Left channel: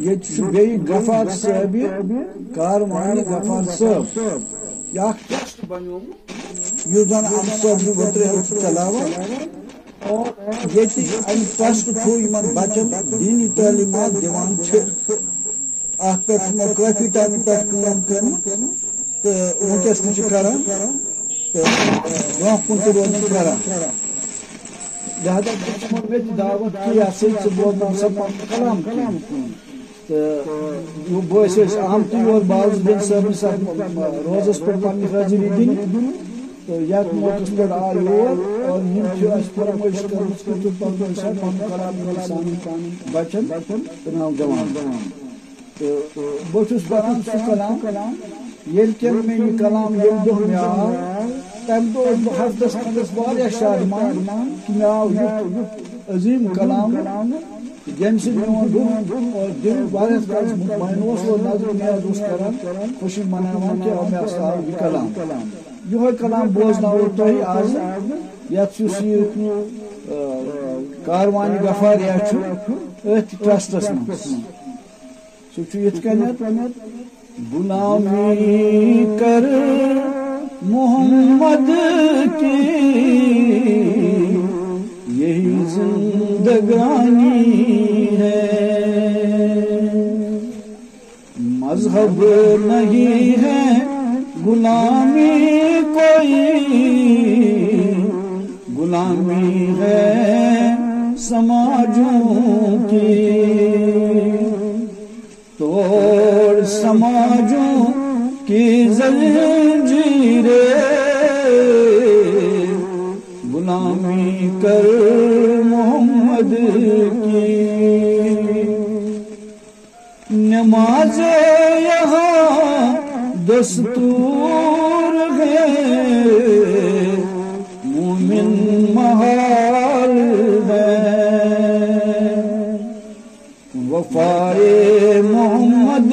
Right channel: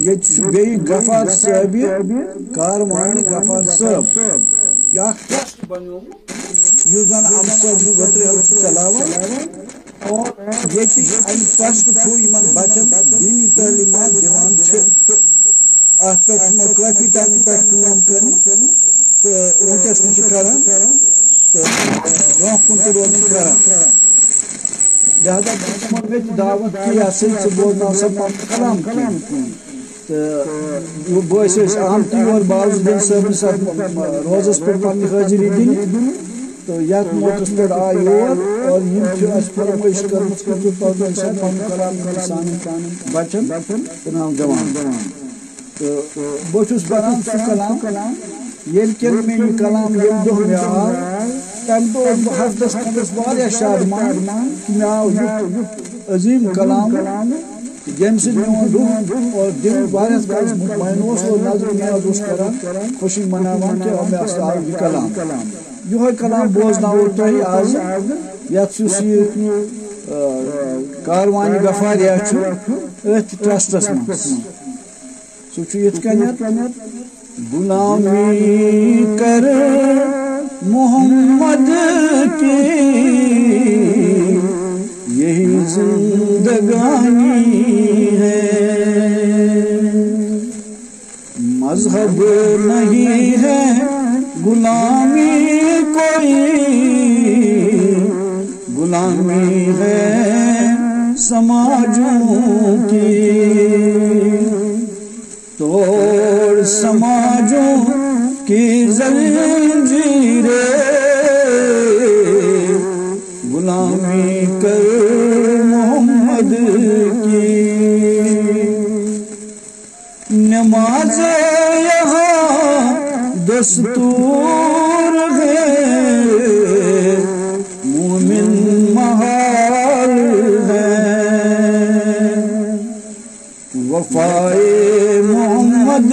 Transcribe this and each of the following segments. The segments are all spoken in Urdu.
یہ غفار صاحب کاروانی غفار صاحب یا ٹرسٹ بنو یہ زن ام صاحب وتر چلاوان اور یہ ام ٹرسٹ تھو یمن بچن دینی تعلیمات دیوان چھ ات پہ کافی ٹائم پہ کام کرن تو ونکس تہ کران تو برو کن تہ روزن کران لہذا میں دعوت کی سے بولنا سب کلام تو بس اہم تی اور باز دن صاحب روزس پہ پنہ حاضری دن تو یت موقع پہ آئی اور یہ فرمائش کرم کہ پن کلام سان بچن تو نوجوان تو بہت بنان سہ کلام یل کہ میرے کلام یم دہ مے آو تم دہ ہفتس کھنڈس واریاہ شادمان کہ مے آو عظیم کلام یم سے میون دہ اور دل واریاہ کالس مطمئن اور نظر نیاز کران خوشی مناوان کہ مے آو یہ کلام یہ کلام بوزناو تہ آز یت کاروانی غفاریہ ات ٹرسٹس مز سہ یت کنیت غلامی کر محمد کی یہی زندگانی ہے مذہب نہیں ہے غلامی کوئی غلامی ہے سماجوں کی توڑ سماجوں کی زنجیریں غلامی کر محمد کی نماز یہاں دستور ہے مومن محال ہے وفائے محمد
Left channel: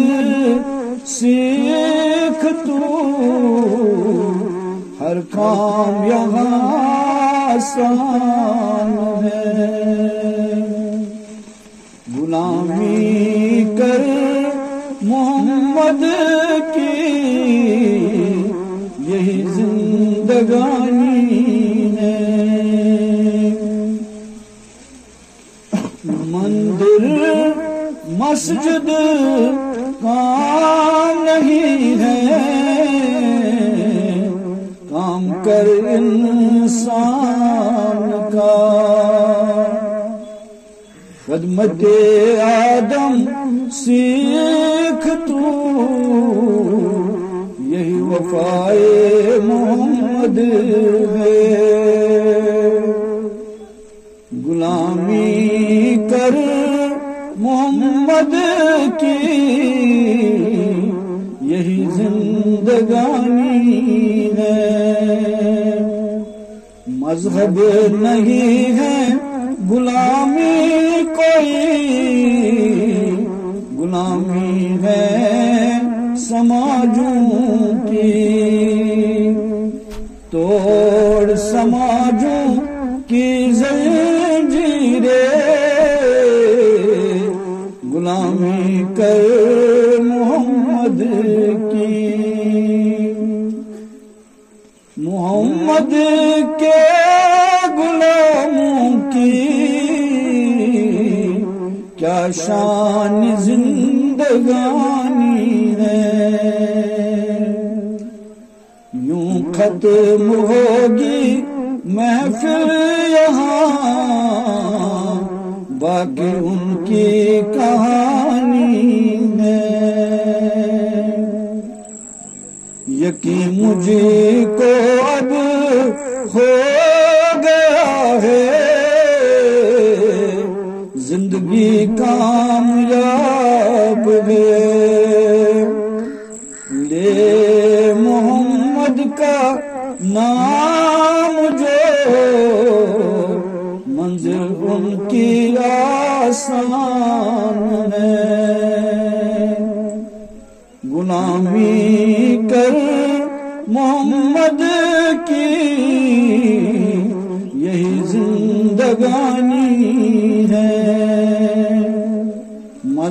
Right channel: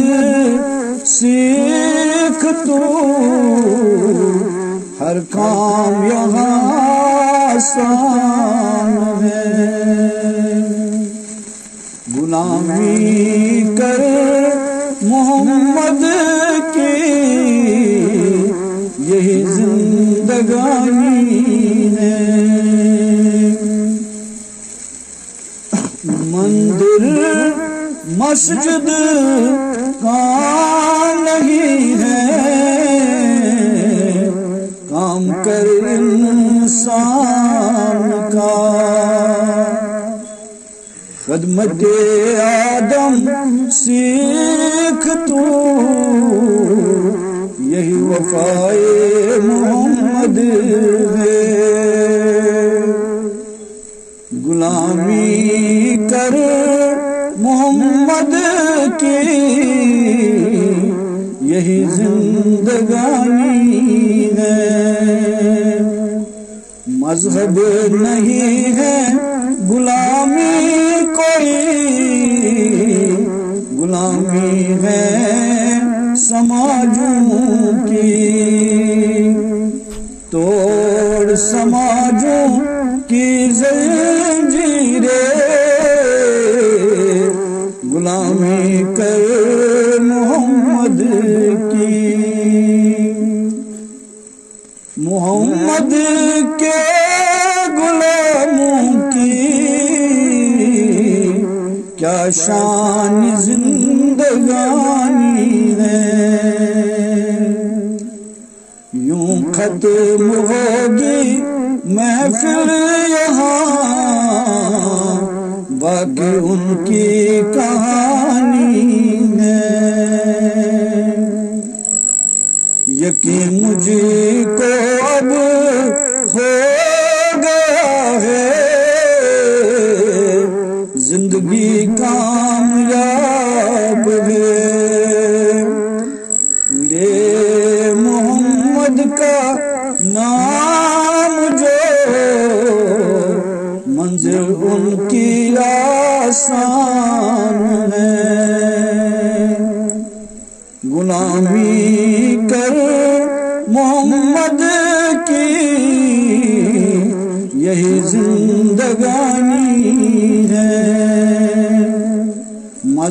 سیکھ تو ہر کام یہاں آسان ہے غلامی کر محمد کی یہی زندگانی ہے مندر مسجد کام نہیں ہے کام کر انسان کا خدمت آدم سیکھ تو یہی وفائے محمد ہے غلامی کر محمد کی یہی زندگانی ہے مذہب نہیں ہے غلامی کوئی غلامی ہے سماجوں کی توڑ سماجوں کی زنجیریں غلامی کر محمد کی محمد کے غلاموں کی کیا شان زندگانی ہے یوں ختم ہوگی محفل یہاں باقی ان کی کہانی ہے یقین مجھے کو اب ہو گیا ہے زندگی کامیاب ہے لے محمد کا نام جو منزل ان کی آسان ہے غلامی کر محمد کی یہی زندگانی ہے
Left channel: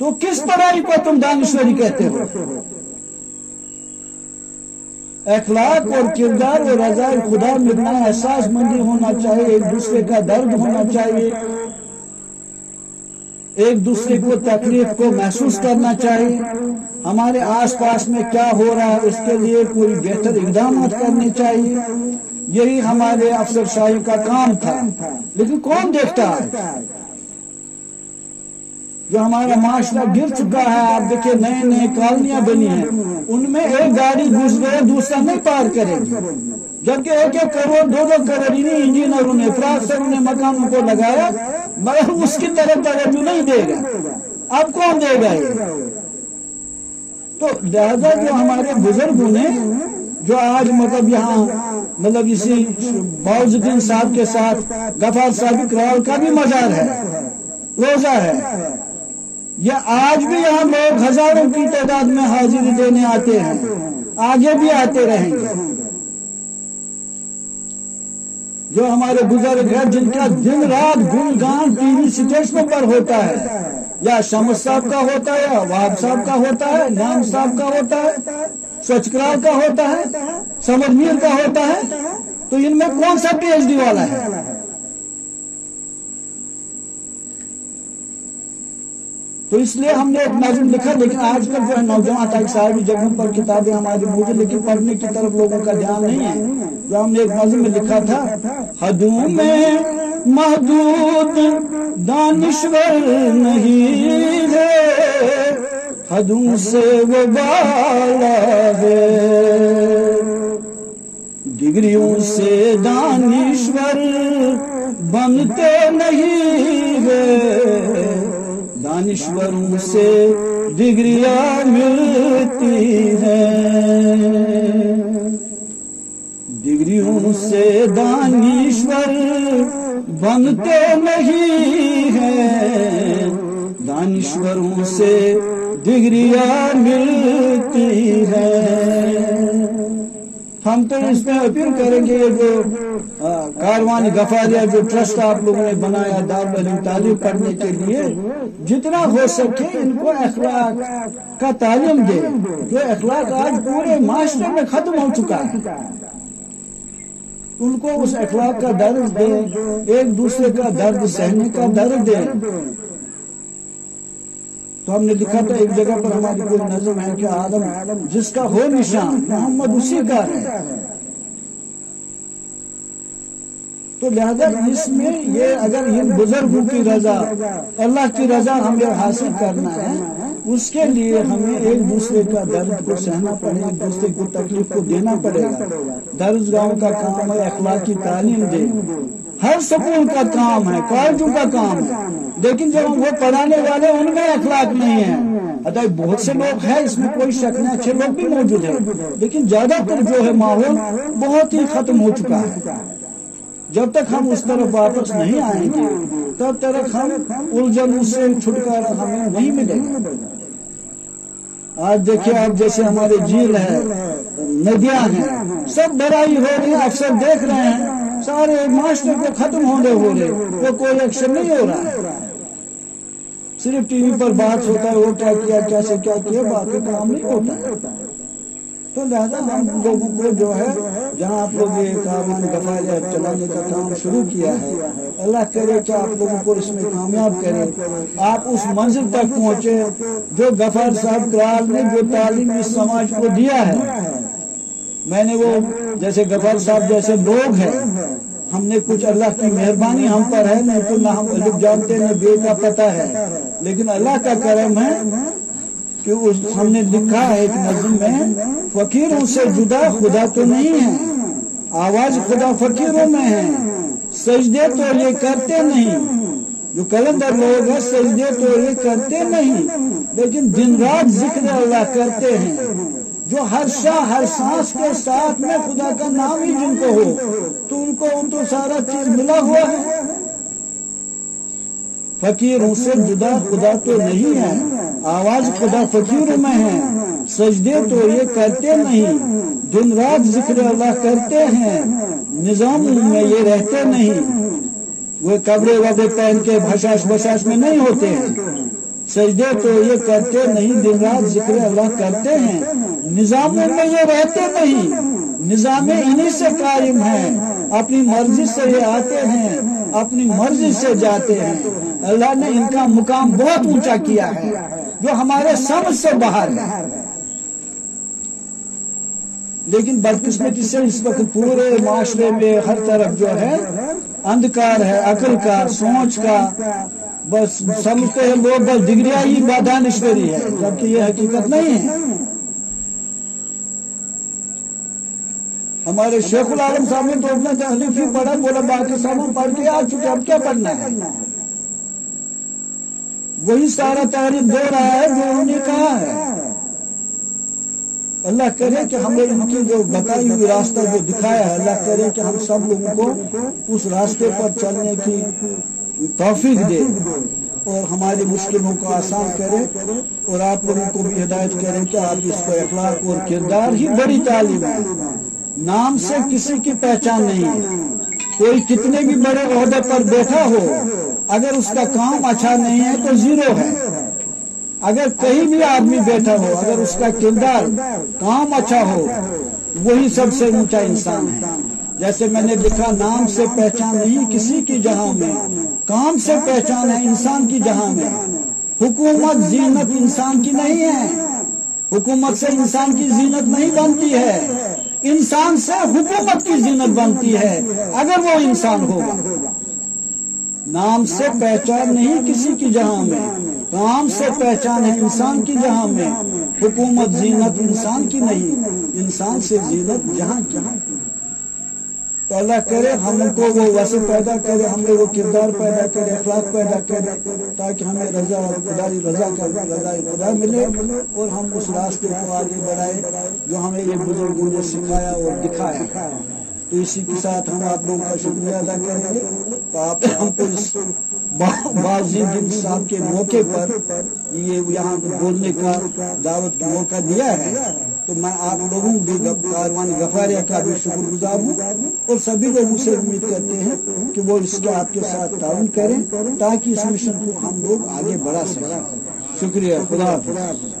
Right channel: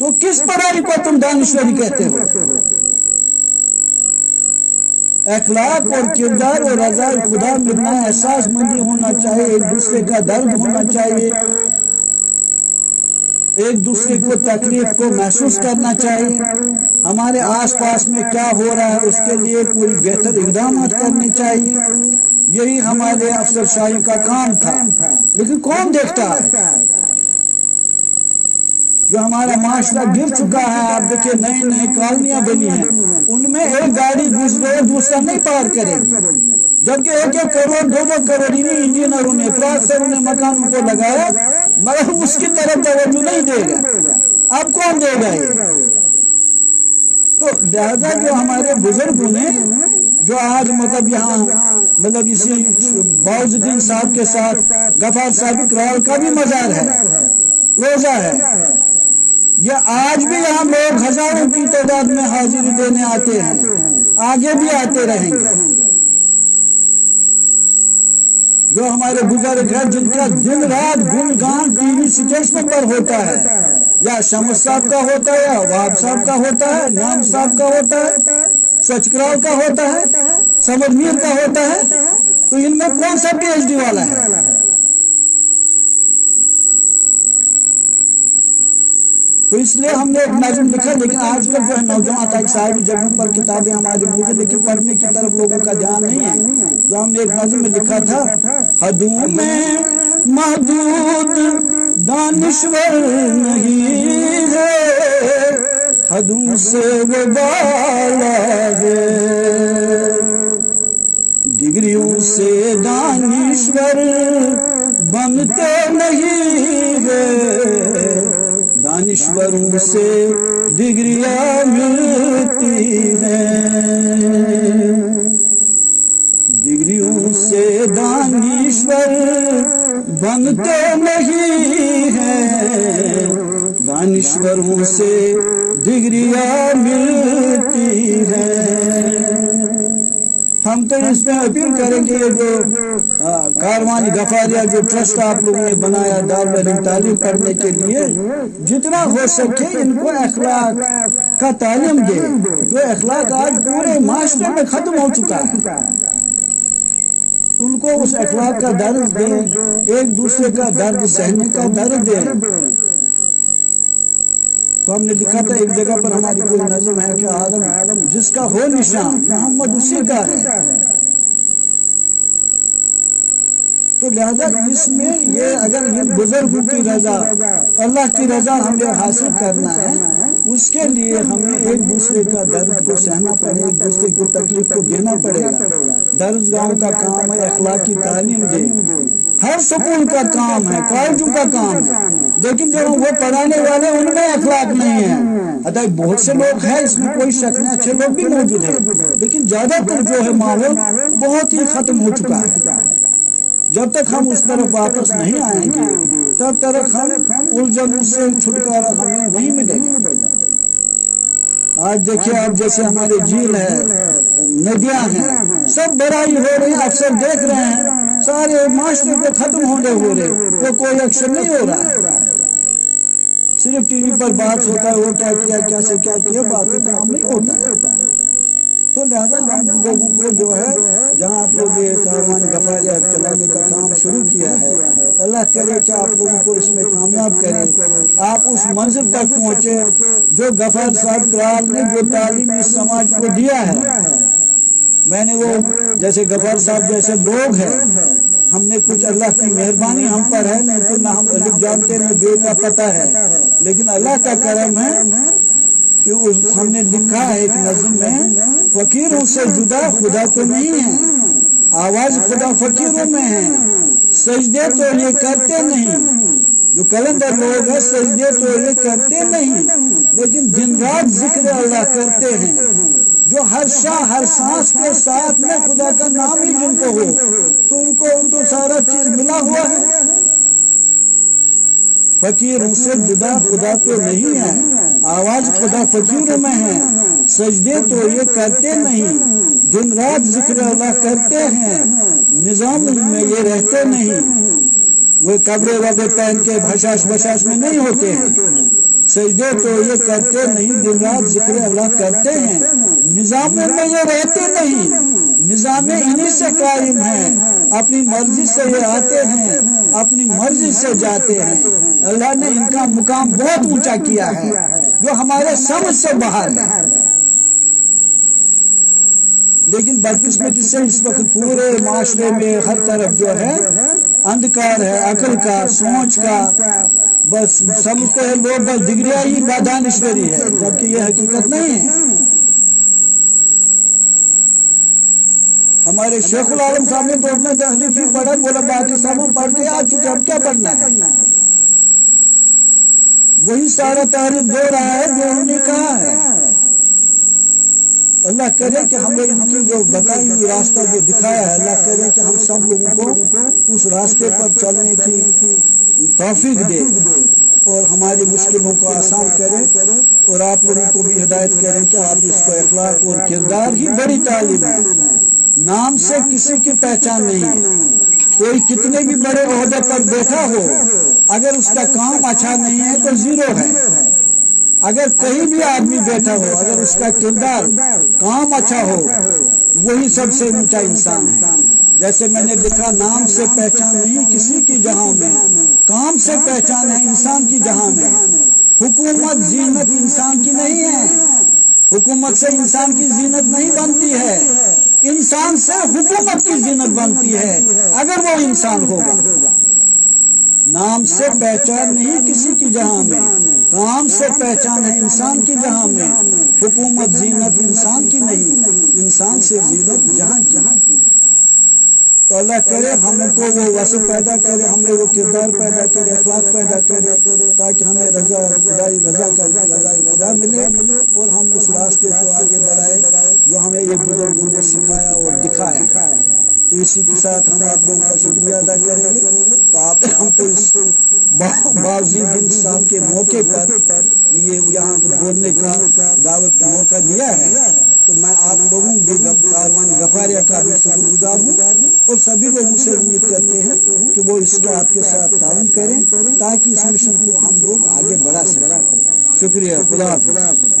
تو کس پڑھائی کو تم دانشوری کہتے ہو؟ اخلاق اور کردار اور رضا خدا ملنا احساس مندی ہونا چاہیے، ایک دوسرے کا درد ہونا چاہیے، ایک دوسرے کو تکلیف کو محسوس کرنا چاہیے، ہمارے آس پاس میں کیا ہو رہا ہے اس کے لیے کوئی بہتر اقدامات کرنے چاہیے، یہی ہمارے افسر شاہی کا کام تھا۔ لیکن کون دیکھتا ہے؟ جو ہمارا معاشرہ گر چکا ہے، آپ دیکھیں نئے نئے کالونیاں بنی ہیں، ان میں ایک گاڑی گزرے دوسرا نہیں پار کرے گی، جبکہ ایک ایک کروڑ دو کروڑ انجینئروں نے پرافیسروں نے مکانوں کو لگایا، مگر اس کی طرف توجہ نہیں دے گا۔ اب کون دے گا یہ؟ تو لہذا جو ہمارے بزرگوں نے جو آج یہاں اسی باؤز الدین صاحب کے ساتھ غفار صاحب اقرال کا بھی مزار ہے، روزہ ہے، یہ آج بھی یہاں لوگ ہزاروں کی تعداد میں حاضری دینے آتے ہیں، آگے بھی آتے رہیں گے۔ جو ہمارے بزرگ ہیں جن کا دن رات گنگان ٹی وی اسٹیشنوں پر ہوتا ہے، یا شمس صاحب کا ہوتا ہے، یا وہاب صاحب کا ہوتا ہے، نام صاحب کا ہوتا ہے، سچکرال کا ہوتا ہے، سمر میر کا ہوتا ہے، تو ان میں کون سا پی ایچ ڈی والا ہے؟ تو اس لیے ہم نے ایک نظم لکھا، لیکن آج کل جو ہے نوجوان تک ساری جگہوں پر کتابیں ہماری موجود، لیکن پڑھنے کی طرف لوگوں کا دھیان نہیں ہے۔ جو ہم نے ایک نظم میں لکھا تھا، حدوں میں محدود دانشور نہیں ہے، حدوں سے وہ بالا ہے، ڈگریوں سے دانشور بنتے نہیں ہے، دانشوروں سے ڈگریاں ملتی ہیں، ڈگریوں سے دانشور بنتے نہیں ہیں، دانشوروں سے ڈگریاں ملتی ہیں۔ ہم تو اس میں اپیل کریں گے، جو کاروانی غفاریہ جو ٹرسٹ آپ لوگوں نے بنایا دارالعلوم تعلیم کرنے کے لیے، جتنا ہو سکے ان کو اخلاق کا تعلیم دے، جو اخلاق آج پورے معاشرے میں ختم ہو چکا ہے، ان کو اس اخلاق کا درد دے، ایک دوسرے کا درد سہنے کا درد دے۔ تو ہم نے لکھا تھا ایک جگہ پر ہماری کوئی نظم ہے کہ آدم جس کا ہو نشان محمد اسی کا ہے۔ تو لہذا اس میں یہ اگر ان بزرگوں کی رضا، اللہ کی رضا ہمیں حاصل کرنا ہے، اس کے لیے ہمیں ایک دوسرے کا درد کو سہنا پڑے، ایک دوسرے کو تکلیف کو دینا پڑے گا۔ درسگاہوں کا کام ہے اخلاقی تعلیم دے، ہر سکول کا کام ہے، کالجوں کا کام ہے، لیکن جب وہ پڑھانے والے ان میں اخلاق نہیں ہے۔ بہت سے لوگ ہیں، اس میں کوئی شک نہیں، اچھے لوگ بھی موجود ہیں، لیکن زیادہ تر جو ہے ماحول بہت ہی ختم ہو چکا ہے۔ جب تک ہم اس طرف واپس نہیں آئیں گے تب تک ہم الجھنوں سے چھٹکارا ہمیں نہیں ملے گا۔ آج دیکھیے آپ جیسے ہمارے جھیل ہے، ندیاں ہیں، سب بڑائی ہو رہی ہے، افسر دیکھ رہے ہیں، سارے معاشرے پہ ختم ہو رہے، وہ کوئی ایکشن نہیں ہو رہا ہے، صرف ٹی وی پر بات ہوتا ہے، وہ کیا کیا، کیسے کیا کیا، باقی کام نہیں ہوتا ہے۔ تو لہذا ہم لوگوں کو جو ہے جہاں آپ لوگ یہ کاروان غفاریہ چلانے کا کام شروع کیا ہے، اللہ کرے کہ آپ لوگوں کو اس میں کامیاب کرے، آپ اس منزل تک پہنچے جو غفار صاحب اقرال نے جو تعلیم اس سماج کو دیا ہے۔ میں نے وہ جیسے غفار صاحب جیسے لوگ ہیں، ہم نے کچھ اللہ کی مہربانی ہم پر ہے، نہیں تو نہ ہم الف جانتے نہ بے کا پتہ ہے، لیکن اللہ کا کرم ہے کہ ہم نے لکھا ہے ایک نظم میں، فقیروں سے جدا خدا تو نہیں ہے، آواز خدا فقیروں میں ہے، سجدے تو یہ کرتے نہیں، جو کلندر لوگ ہیں سجدے تو یہ کرتے نہیں، لیکن دن رات ذکر اللہ کرتے ہیں، جو ہر شاہ ہر سانس کے ساتھ میں خدا کا نام ہی جن کو ہو، تو ان کو سارا چیز ملا ہوا ہے۔ فقیروں سے جدا خدا تو نہیں ہے، آواز خدا فقیروں میں ہے، سجدے تو یہ کرتے نہیں، دن رات ذکر اللہ کرتے ہیں، نظام میں یہ رہتے نہیں، وہ کپڑے وبڑے پہن کے بھشاش میں نہیں ہوتے ہیں، سجدے تو یہ کرتے نہیں، دن رات ذکر اللہ کرتے ہیں، نظام میں یہ رہتے نہیں، نظام انہی سے قائم ہے، اپنی مرضی سے یہ آتے ہیں، اپنی مرضی سے جاتے ہیں۔ اللہ نے ان کا مقام بہت اونچا کیا ہے جو ہمارے سمجھ سے باہر ہے، لیکن بدقسمتی سے اس وقت پورے معاشرے میں ہر طرف جو ہے اندھکار ہے، عقل کا، سوچ کا، بس سمجھتے ہیں لوگ بس ڈگریاں ہی دانشوری ہے، جبکہ یہ حقیقت نہیں ہے۔ ہمارے شیخ العالم صاحب نے تو اپنا تحریف ہی پڑھا، بولا باقی سب پڑھ کے آ چکے، اب کیا پڑھنا ہے؟ وہی سارا تاریخ دے رہا ہے جو انہوں نے کہا ہے۔ اللہ کرے کہ ہمیں ان کی جو بتائی ہوئی راستہ جو دکھایا ہے، اللہ کرے کہ ہم سب لوگوں کو اس راستے پر چلنے کی توفیق دے اور ہماری مشکلوں کو آسان کرے، اور آپ لوگوں کو بھی ہدایت کریں کہ آپ اس کو اخلاق اور کردار ہی بڑی تعلیم ہے۔ نام سے کسی کی پہچان نہیں ہے، کوئی کتنے بھی بڑے عہدے پر بیٹھا ہو، اگر اس کا کام اچھا نہیں ہے تو زیرو ہے۔ اگر کہیں بھی آدمی بیٹھا ہو، اگر اس کا کردار کام اچھا ہو، وہی سب سے اونچا انسان ہے۔ جیسے میں نے لکھا، نام سے پہچان نہیں کسی کی جہاں میں، کام سے پہچان ہے انسان کی جہاں میں۔ حکومت زینت انسان کی نہیں ہے، حکومت سے انسان کی زینت نہیں بنتی ہے، انسان سے حکومت کی زینت بنتی ہے اگر وہ انسان ہوگا۔ نام سے پہچان نہیں کسی کی جہاں میں، کام سے پہچان ہے انسان کی جہاں میں۔ حکومت زینت انسان کی نہیں، انسان سے زینت جہاں کی۔ تو اللہ کرے ہم کو وہ وصف پیدا کرے، ہمیں وہ کردار پیدا کرے، اخلاق پیدا کرے، تاکہ ہمیں رضا اور خدائی رضا کا رضا خدا ملے، اور ہم اس راستے کو آگے بڑھائے جو ہمیں یہ بزرگوں نے سکھایا اور دکھایا۔ تو اسی کے ساتھ ہم آپ لوگوں کا شکریہ ادا کریں گے۔ تو آپ ہم کو اس بازی دن صاحب کے موقع پر یہ یہاں بولنے کا دعوت کا موقع دیا ہے، تو میں آپ لوگوں بھی کاروان غفاریہ کا بھی شکر گزار ہوں، اور سبھی لوگوں سے امید کرتے ہیں کہ وہ اس کا آپ کے ساتھ تعاون کریں تاکہ اس مشن کو ہم لوگ آگے بڑھا سکیں۔ شکریہ، خدا حافظ۔